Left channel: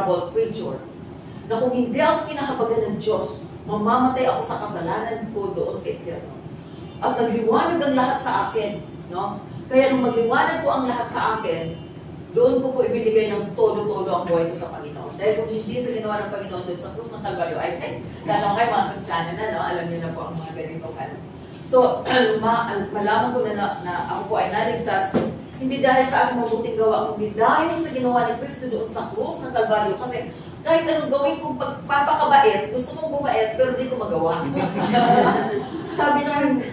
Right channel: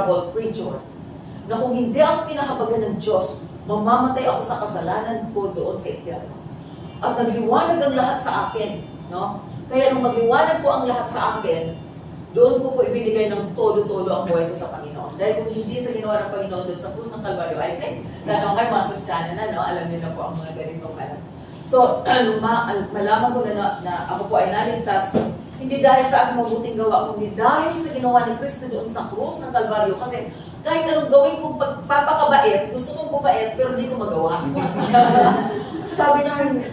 miserable creature, na kung hindi ang kinakabagan ng Diyos, mamamatay ako sa kasalanan ko doon sa impyerno. At nagliwanag ang lahat sa akin, no? Kaya nung magliwanag po ang lahat sa akin, doon ko po ibinigay ng todo-todo ang buhay ko sa Panginoon. Dahil kung hindi sa ginawa ng Panginoon doon sa krus ng Kalbaryo, I think, lalo kayo mga Kristiyano na, no? Alam niyo na po ang mga ganitong alam. So, malaman ko na ako po ay naligtas, hindi dahil sa aking mabuting gawa, kundi dahil sa ginawa ni Kristo doon sa krus ng Kalbaryo. Kasi kahit anong gawin kong pagpapakabait, gusto kong bumait, pero hindi ko magawa. Sabi nung,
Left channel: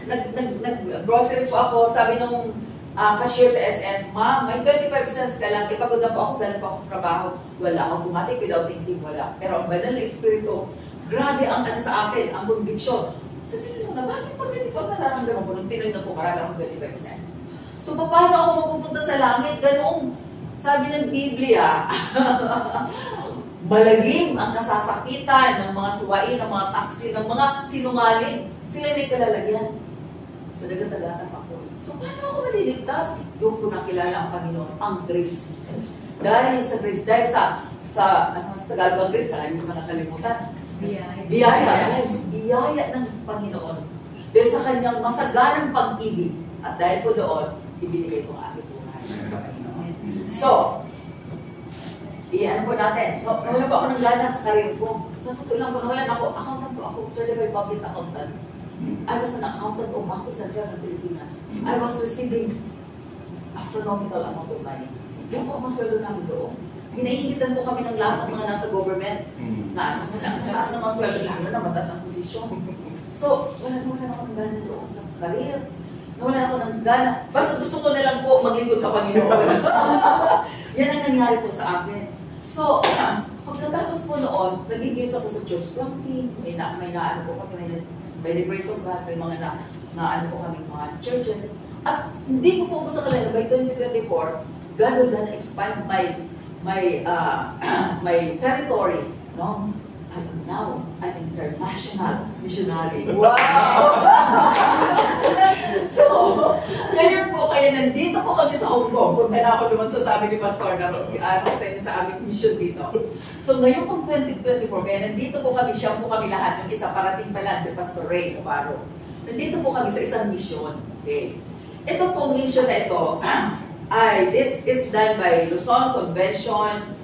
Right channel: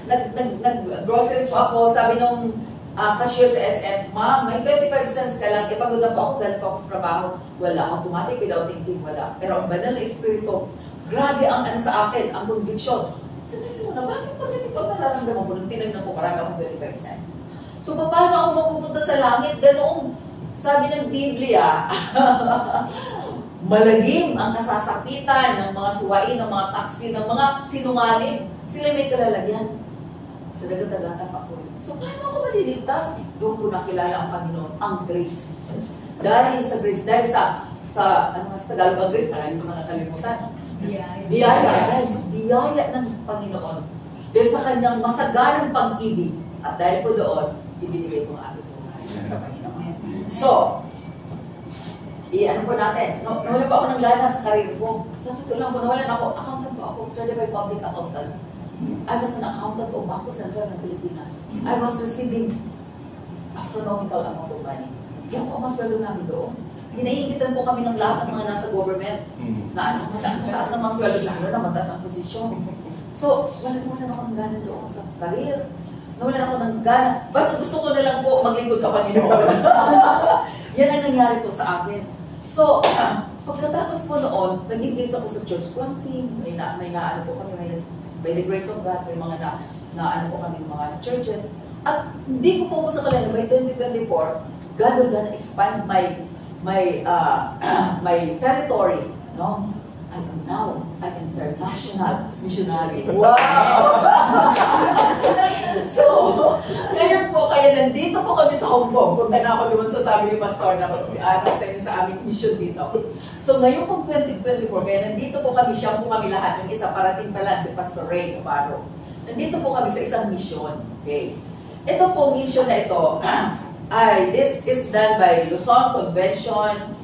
nag-grocery po ako, sabi nung cashier sa SM, ma'am, may 25 cents ka lang, pagod na po ako, galing po ako sa trabaho. Wala, automatic, without thinking, wala. Pero ang banal na espiritu, grabe ang ano sa akin, ang conviction. Sabi nyo na, bakit pag ganito ko nararamdaman ko nung tinignan ko, marami akong 25 cents. So, paano ako mapupunta sa langit? Ganoong, sabi ng Biblia, malagim ang kasasakitan ng mga suwain, ng mga taksi, ng mga sinungaling. Sila may kalalagyan. Sa dagat-dagatang ako. So, paano ako maliligtas? Doon ko nakilala ang Panginoon, ang grace. Dahil sa grace, dahil sa Tagalog ang grace, parang hindi ko nakakalimutan. Biyaya. Dahil sa biyaya ng Panginoon. Dahil sa kanyang masaganang pag-ibig. At dahil po doon, ibinigay ko ang aking buhay sa Panginoon. So, ano po natin, nawalan po ako ng gana sa karir ko. Sa totoo lang po, nawalan ako, accountant po ako, certified public accountant. I was an accountant of Bangko Sentral ng Pilipinas. I was receiving astronomical amount of money. Yan po ang masweldo namin doon. Hinahingitan po kami ng lahat ng mga nasa government na mas mataas na masweldo, lalo na mataas ang posisyon. So, nawalan ako ng gana doon sa career. Nawalan ako ng gana. Basta gusto ko na lang po maglingkod sa Panginoon. Yan ang nangyari po sa akin. So, pagkatapos po noon, nag-engage ako sa church planting, may naano po kami, by the grace of God, may mga ano po kami mga churches. At hindi ko po sa kalala, by 2024, God will gonna expand my territory, no? I'm now an international missionary. Wow! So, ngayon po, kaya nandito po kami sa Hong Kong. Punta na ako naman sa sabi ni Pastor na sa aming mission dito. So, ngayon po 2024, kaya nandito po kami, siya po kami lahat. Yung isa parating pa lang, si Pastor Ray Caparo. Nandito po kami sa isang mission. Okay. Ito po, mission na ito, this is done by Luzon Convention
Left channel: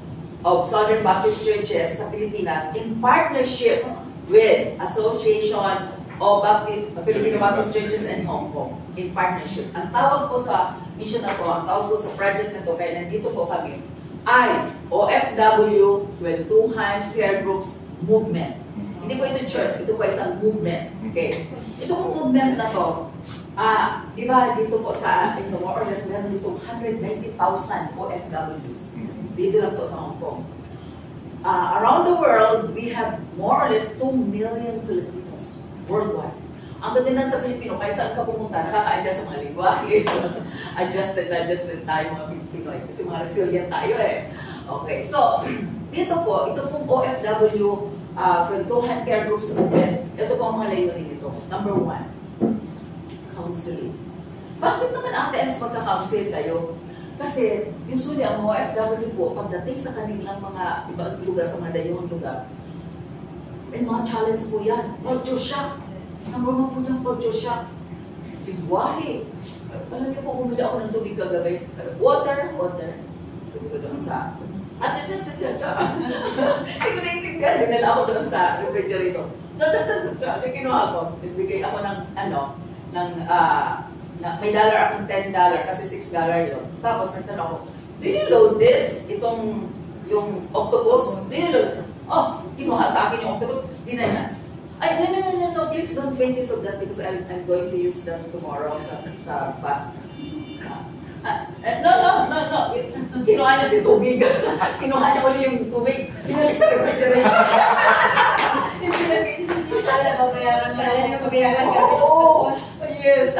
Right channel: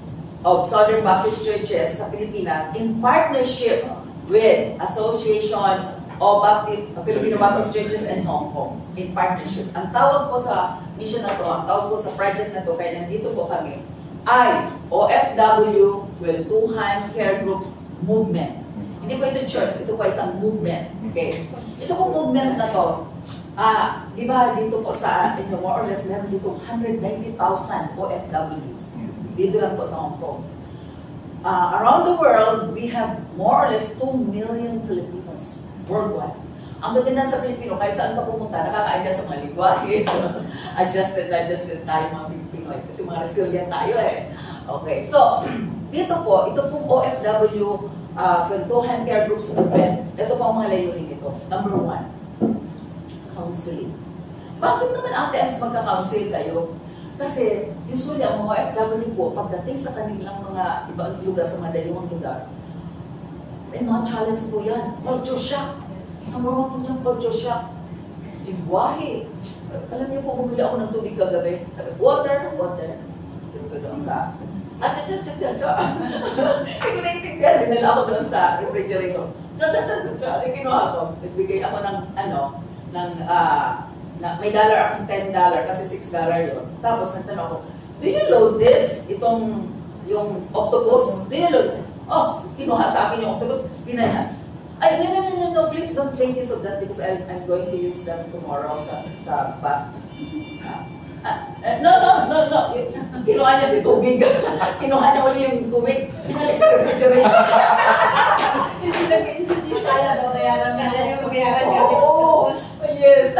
of Southern Baptist Churches sa Pilipinas in partnership with Association of Filipino Baptist Churches in Hong Kong. In partnership. Ang tawag po sa mission na to, ang tawag po sa project na to, kaya nandito po kami, ay OFW Kwentuhan Care Groups Movement. Hindi po ito church, ito po isang movement. Okay? Ito po movement na to, di ba dito po sa, more or less, meron dito 190,000 OFWs. Dito lang po sa Hong Kong. Around the world, we have more or less 2 million Filipinos worldwide. Ang maganda sa Pilipino, kahit saan ka pumunta, nakaka-adjust sa mga lingwahe. Adjusted tayo mga Pilipinoy. Kasi mga resilient tayo eh. Okay, so, dito po, ito pong OFW, Kwentuhan Care Groups Movement. Ito po ang mga layunin dito. Number 1, counseling. Bakit naman Ate Ems magka-counsel kayo? Kasi, usually, ang mga OFW po, pagdating sa kanilang mga ibang lugar, sa mga dayuhang lugar, may mga challenge po yan. Culture shock. Number 1 po yung culture shock. Lingwahe. Alam niyo po, bumili ako ng tubig kagabi. Water. Sabi ko doon sa... Hindi ko naintindihan. Binala ako doon sa refrigerator. Kinuha ko. Nagbigay ako ng may dollar akong $10 kasi $6 yun. Tapos nagtanong ako, do you load this? Yung octopus? Do you load? Oh, kinuha sa akin yung octopus. Ginayan. Ay, no, please don't make use of that because I'm going to use them tomorrow sa bus. No. Kinuha niya si tubig. Kinuha niya ulit yung tubig. Pinalik sa refrigerator. Hindi talaga babayaran ka. Babayaran ka. Yes.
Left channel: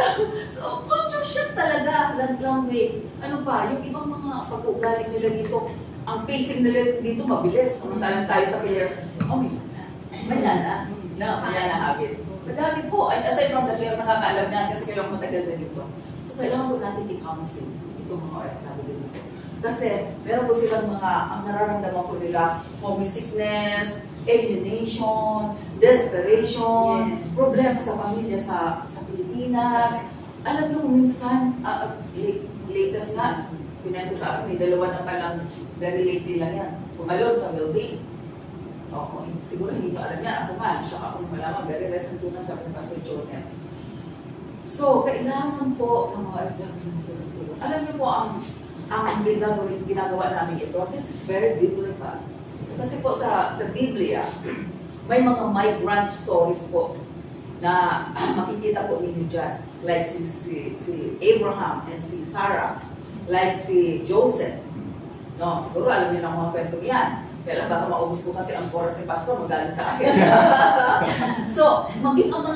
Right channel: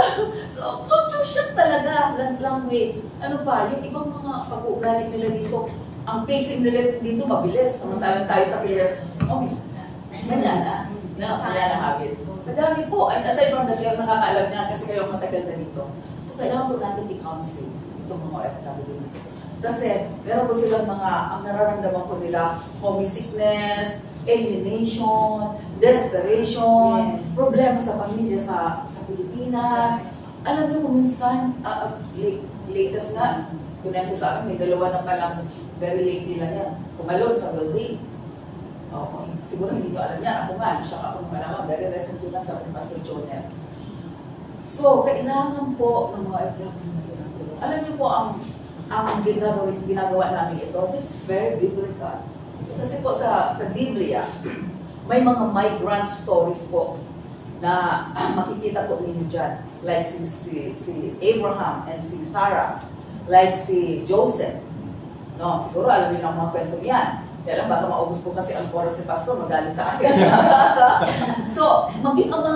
So, culture shock talaga. Language. Ano pa, yung ibang mga pag-uugali nila dito, ang pacing nila dito mabilis. Samantalang tayo sa Pilipinas. Manyan na habit. Madami po. And aside from that, kayo nakakaalam na kasi kayo matagal na dito. So, kailangan po natin i-counsel itong mga OFW. Kasi meron po silang ang nararamdaman po nila, homesickness, alienation, desperation, problema sa pamilya sa Pilipinas. Alam niyo, minsan, latest nga, pinento sa akin, may dalawa na palang very lately lang yan. Tumalon sa building. Siguro hindi nyo alam yan. Ako nga, siya ako malaman, very recently lang sa Pastor Jonel. So, kailangan po ng mga FW. Alam niyo po, ang ginagawa namin ito, this is very biblical. Kasi po sa Biblia, may mga migrant stories po na makikita po ninyo dyan. Like si Abraham and si Sarah. Like si Joseph. No, siguro alam niyo ng mga kwento yan. Kaya lang baka maubos ko kasi ang oras ni Pastor, magalit sa akin. So, maging ang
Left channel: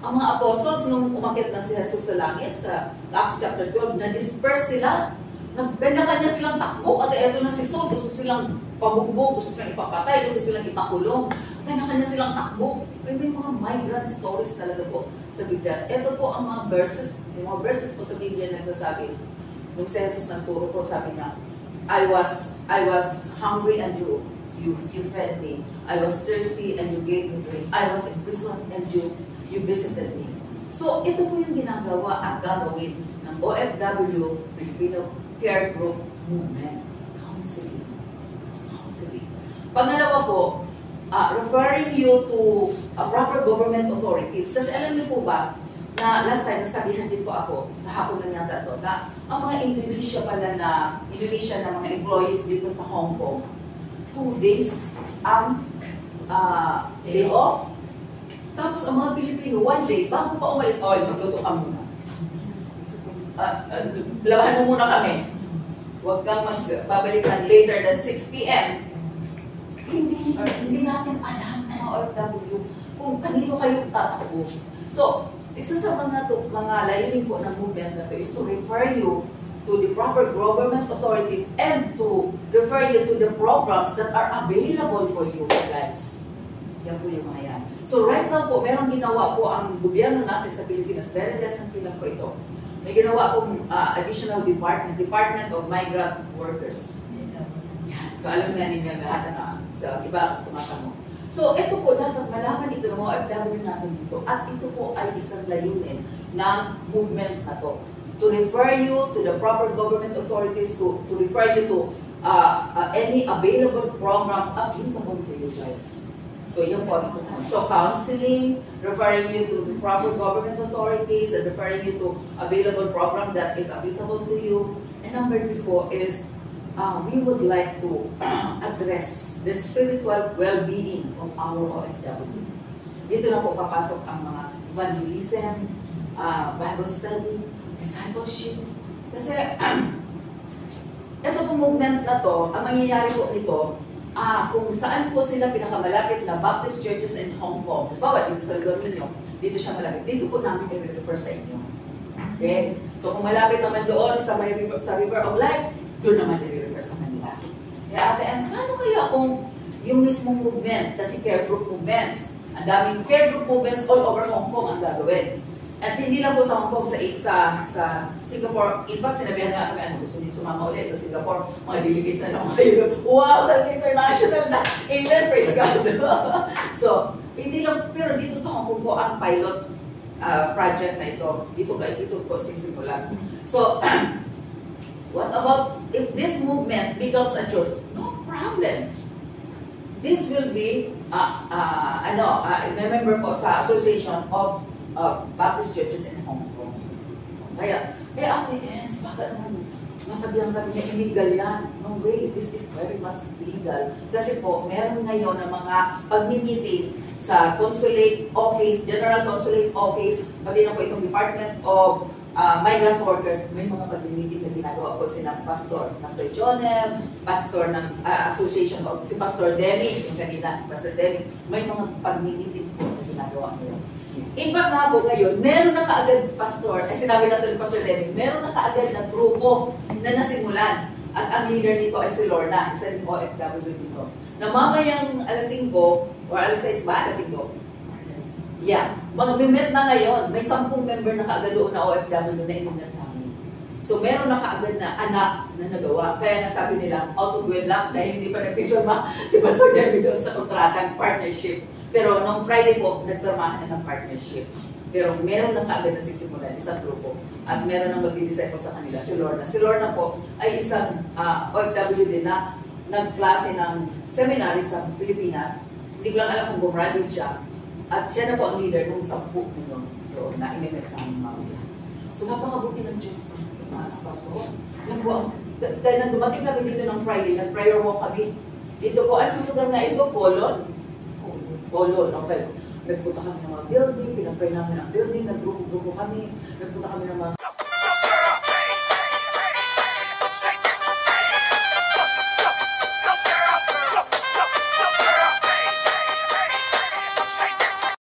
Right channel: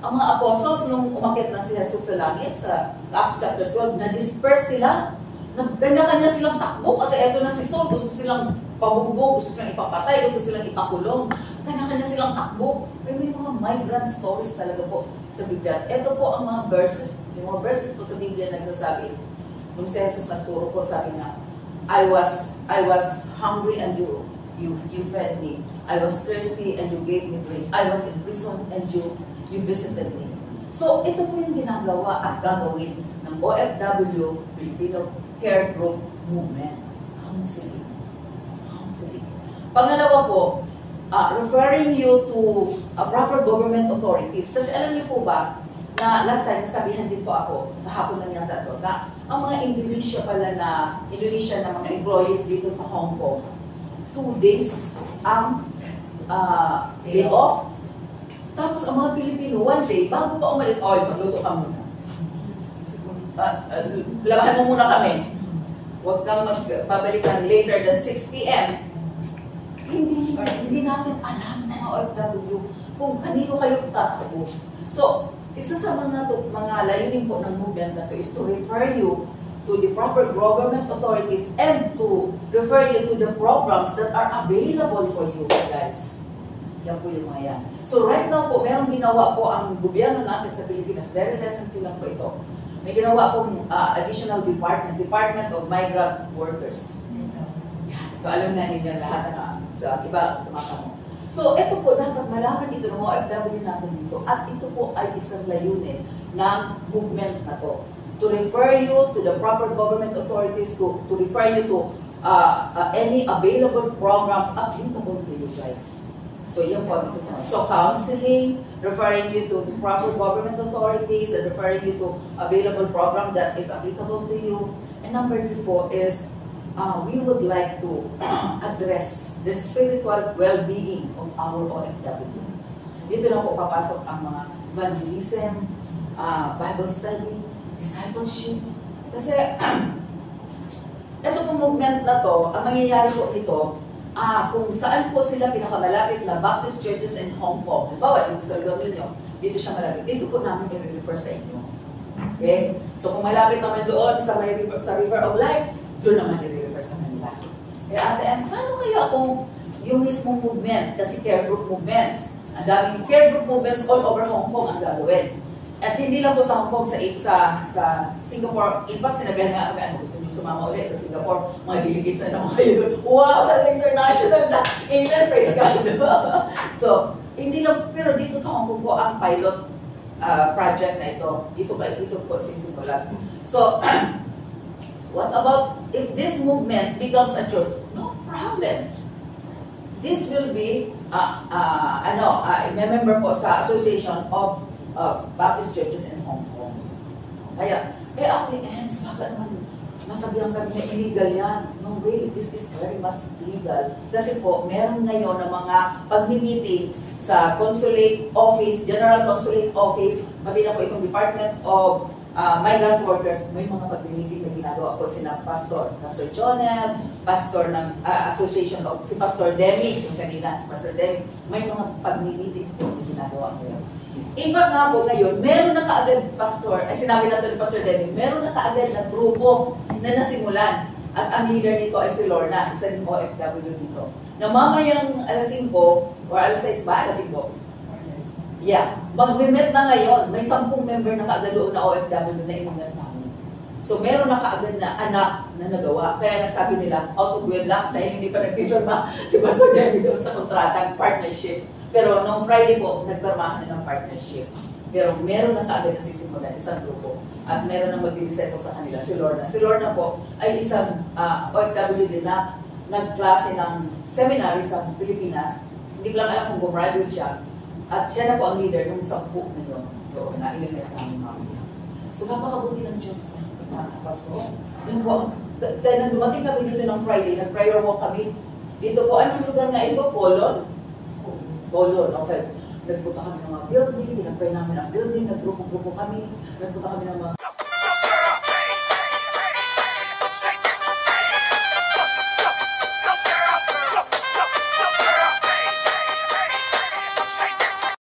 mga apostles nung umakyat na si Jesus sa langit sa Acts chapter 12, na-disperse sila. Kanya-kanya silang takbo kasi eto na si Saul, gusto silang pabugbog, gusto silang ipapatay, gusto silang ipakulong. Kanya-kanya silang takbo. May mga migrant stories talaga po sa Biblia. Ito po ang mga verses, yung mga verses po sa Biblia nagsasabi. Nung si Jesus nagturo po, sabi niya, I was hungry and you fed me. I was thirsty and you gave me drink. I was in prison and you visited me. So, ito po yung ginagawa at gagawin ng OFW, Filipino Care Group Movement. Counseling. Pangalawa po, referring you to proper government authorities. Kasi alam niyo po ba, na last time, nasabihan din po ako, kahapon lang yata to, na ang mga Indonesia na mga employees dito sa Hong Kong, 2 days ang day off. Tapos ang mga Pilipino, 1 day, bago pa umalis, magluto ka muna. Labahan mo muna kami. Huwag kang magbabalikan later than 6 p.m. Hindi natin alam mga OFW kung kanino kayo tatakbo. So, isa sa mga layunin po ng movement na to is to refer you to the proper government authorities and to refer you to the programs that are available for you guys. Yan po yung mga yan. So right now po, merong ginawa po ang gobyerno natin sa Pilipinas, very recently lang po ito. May ginawa pong additional Department of Migrant Workers. So alam na ninyo lahat sa iba tumatamo. So, ito po, dapat malaman ito ng mga OFW natin dito at ito po ay isang layunin ng movement na to. To refer you to the proper government authorities, to refer you to any available programs applicable to you guys. So, yan po ang isa sa So, counseling, referring you to the proper government authorities, and referring you to available program that is applicable to you. And number 3 po is we would like to address the spiritual well-being of our OFW. Dito na po papasok ang mga evangelism, Bible study, discipleship. Kasi ito pong movement na to, ang mangyayari po nito, kung saan po sila pinakamalapit na Baptist churches in Hong Kong. Bawa, dito sa lugar ninyo, dito siya malapit. Dito po namin i-refer sa inyo. Okay? So kung malapit naman doon sa River of Life, doon naman i-refer sa kanila. Kaya Ate Ems, paano kaya kung yung mismong movement, kasi care group movements, ang daming care group movements all over Hong Kong ang gagawin. At hindi lang po sa Hong Kong, sa Singapore. In fact, sinabihan nga kami, gusto niyo sumama ulit sa Singapore, mga delegates na naman kayo. Wow, talaga international na. Amen, praise God. So, hindi lang, pero dito sa Hong Kong po, ang pilot project na ito, dito po sisimulan. So, what about if this movement becomes a church? No problem. This will be, member po sa Association of Baptist Churches in Hong Kong. Kaya, Ate Ems, baka naman masabihan kami na illegal yan. No way, this is very much legal. Kasi po, meron ngayon na mga pag-meeting sa consulate office, general consulate office, pati na po itong Department of Migrant Workers, may mga pag-meeting na ginagawa po sila Pastor Jonel, Pastor ng Association of, si Pastor Demi, yung kanina, si Pastor Demi, may mga pag-meetings po na ginagawa ngayon. In fact nga po ngayon, meron na kaagad, Pastor, sinabi na ito ni Pastor Demi, meron na kaagad na grupo na nasimulan. At ang leader nito ay si Lorna, isa din OFW dito. Na mamayang alas 5, or alas 6 ba? Alas 5? Yeah. Mag-meet na ngayon. May 10 member na kaagad doon na OFW na i-meet namin. So meron na kaagad na anak na nagawa. Kaya nasabi nila, out of wedlock, dahil hindi pa nagpipirma si Pastor Jeremy doon sa kontratang partnership. Pero nung Friday po, nagpirmahan na ng partnership. Pero meron na kaagad na sisimulan, isang grupo. At meron na magdi-disciple sa kanila, si Lorna. Si Lorna po ay isang OFW din na nagklase ng seminary sa Pilipinas. Hindi ko lang alam kung gumraduate siya. At siya na po ang leader ng 10 na yun. Doon na inimit namin mga pila. So napakabuti ng Diyos mga pastor. Yan po. Dahil nang dumating kami dito ng Friday, nag-prayer walk kami. Dito po, anong lugar nga ito? Polon? Polon, okay. Nagpunta kami ng mga building, pinag-pray namin ang building, naggrupo-grupo kami, nagpunta kami ng mga